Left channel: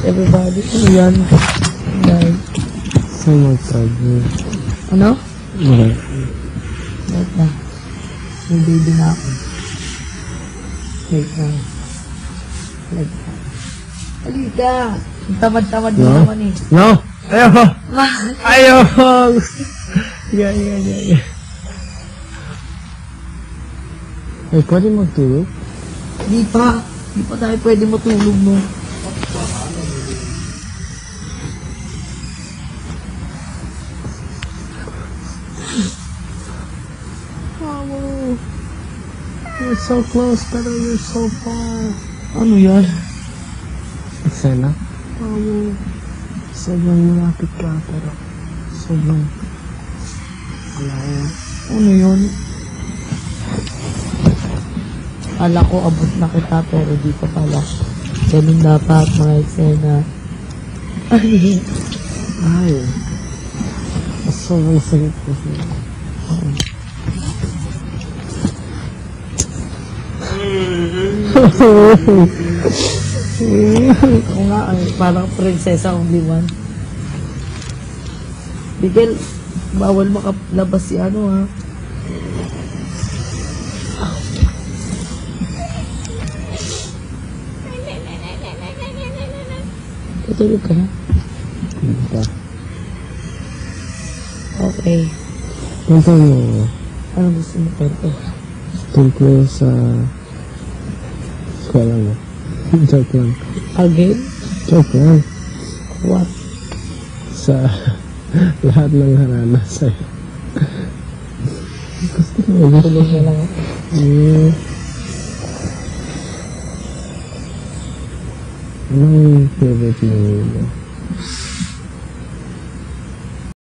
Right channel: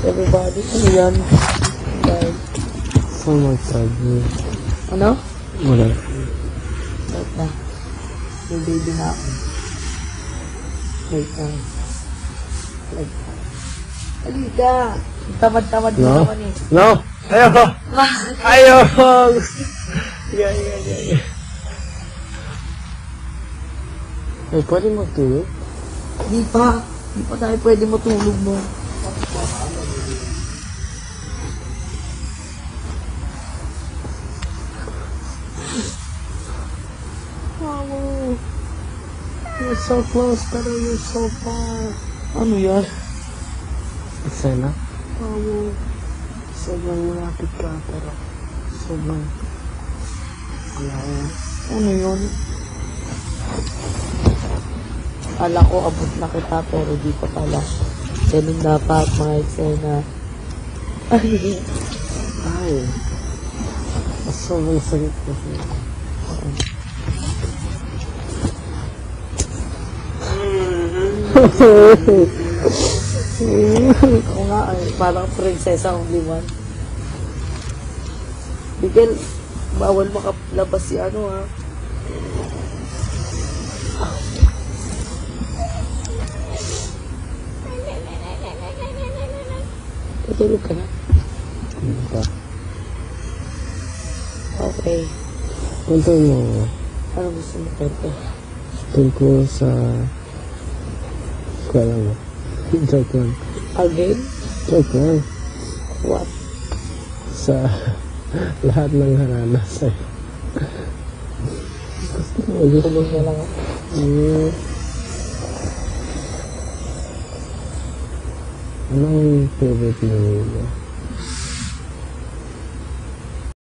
Everybody, ano yan? Yan. Saan mag-sabi? Ano? Wala. Wait na. Nabili na ako. Wait lang. Wait lang. Halika! Ang tamad-tamad mo naman eh. No! Ayoko! Bakit? Ayoko! Yeah. Eh, pwede magtulog? Di pa. Di pa tayo pwede matulog mo. You're so close, pero you're so far. Ano yan? Eksena? Sobrang malapit ka, pero sobrang malayo. Ano yun? Kala ko abot na kita pero di pa pala. Ganun dapat mga eksena. Ay. Sobrang sweet kasi. Oo nga ay, parang prinsesa only one. Miguel, bawal makalabas si ano ha. Tutulog ka na? Okay. Ito lang. Ano gusto mo kwento? Tungkol sa... Kala mo. Joke lang. Again? Joke lang. What? Sa lahat ng harana sa'yo. Gusto mo matulog na lang ako. Anong favorite movie mo?